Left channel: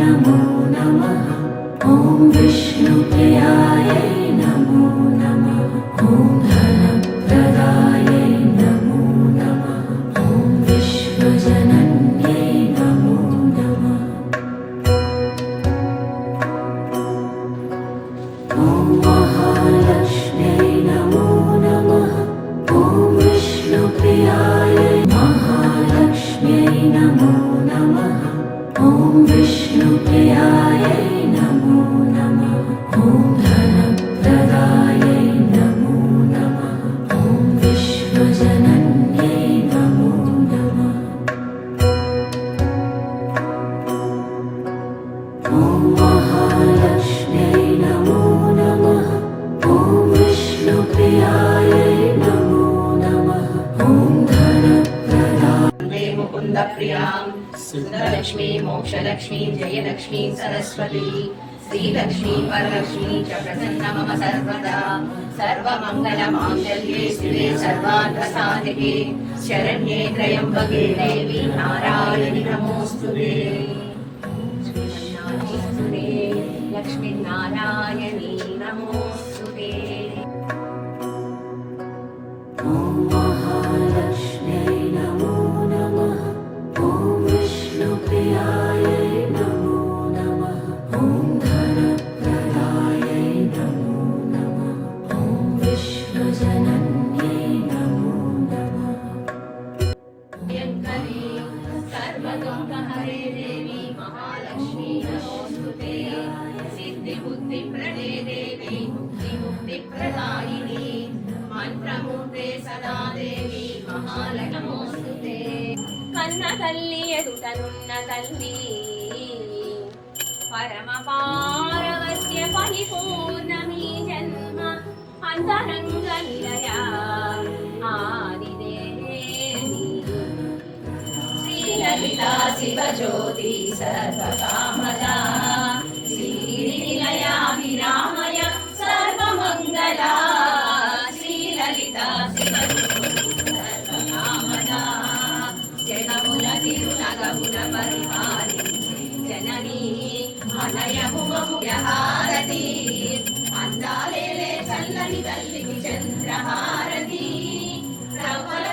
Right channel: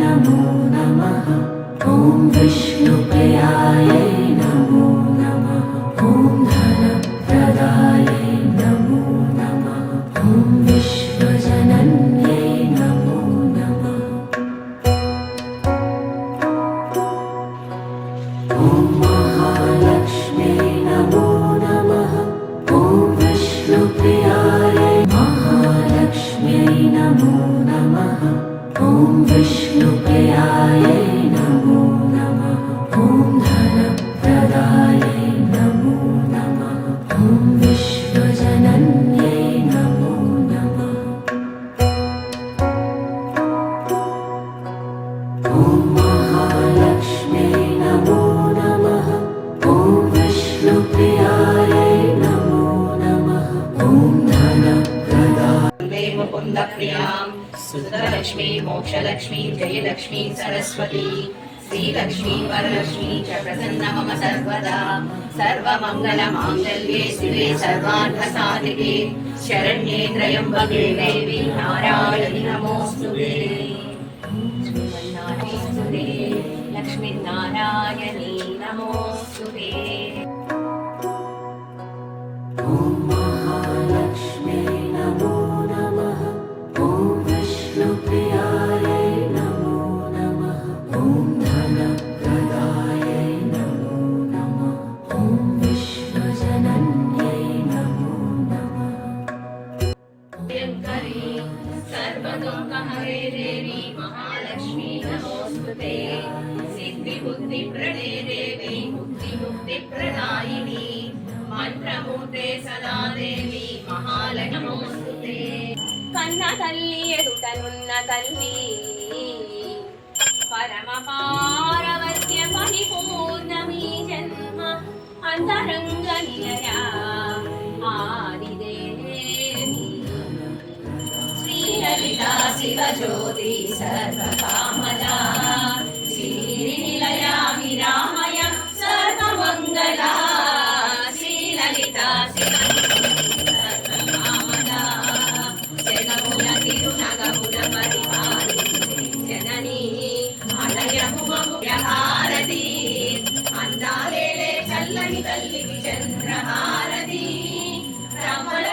नमो नमः। ॐ विष्णुप्रियायै नमो नमः। ॐ धनप्रदायै नमो नमः। ॐ विश्वजनन्यै नमो नमः। ॐ महालक्ष्म्यै नमो नमः। ॐ विष्णुप्रियायै महालक्ष्म्यै नमो नमः। ॐ विष्णुप्रियायै नमो नमः। ॐ धनप्रदायै नमो नमः। ॐ विश्वजनन्यै नमो नमः। ॐ महालक्ष्म्यै नमो नमः। ॐ विष्णुप्रियायै नमो नमः। ॐ धनप्रदायै मुकुन्दप्रियां सुधलक्ष्मी मोक्षलक्ष्मी जयलक्ष्मी सरस्वती श्रीलक्ष्मी वरलक्ष्मी च प्रसन्ना मम सर्वदा। सर्वमङ्गलमाङ्गल्ये शिवे सर्वार्थसाधिके शरण्ये त्र्यम्बके देवी नारायणि नमोऽस्तुते। लक्ष्मीनारायणी नमोऽस्तुते। ॐ महालक्ष्म्यै नमो नमः। ॐ विष्णुप्रियायै नमो नमः। ॐ धनप्रदायै नमो नमः। ॐ विश्वजनन्यै नमो नमः। भयङ्करी सर्वदुःखहरे देवी महालक्ष्मी नमोऽस्तुते। सिद्धिबुद्धिप्रदे देवी मुक्तिमुक्तिप्रदायिनी మంత్రమూర్తే సదా దేవి మహాలక్ష్మోస్తుతే। కన్న తల్లి ఎదుటనున్న తల్లి పరమ పారవస్య పరిపూర్ణమీ జన్మ అంతరంగ నిలయ ఆదిదేవి శ్రీలలితా శివజ్యోతి సర్వకామదా శ్రీ నిలయ విరామయ సర్వమంగళా లలితా సర్వకామదా జగముల తిరునగముల పరిపాలించే జననీ అనయముమముహారతి అందాలేలే చల్లని తల్లికి చంద్రహారతి రమల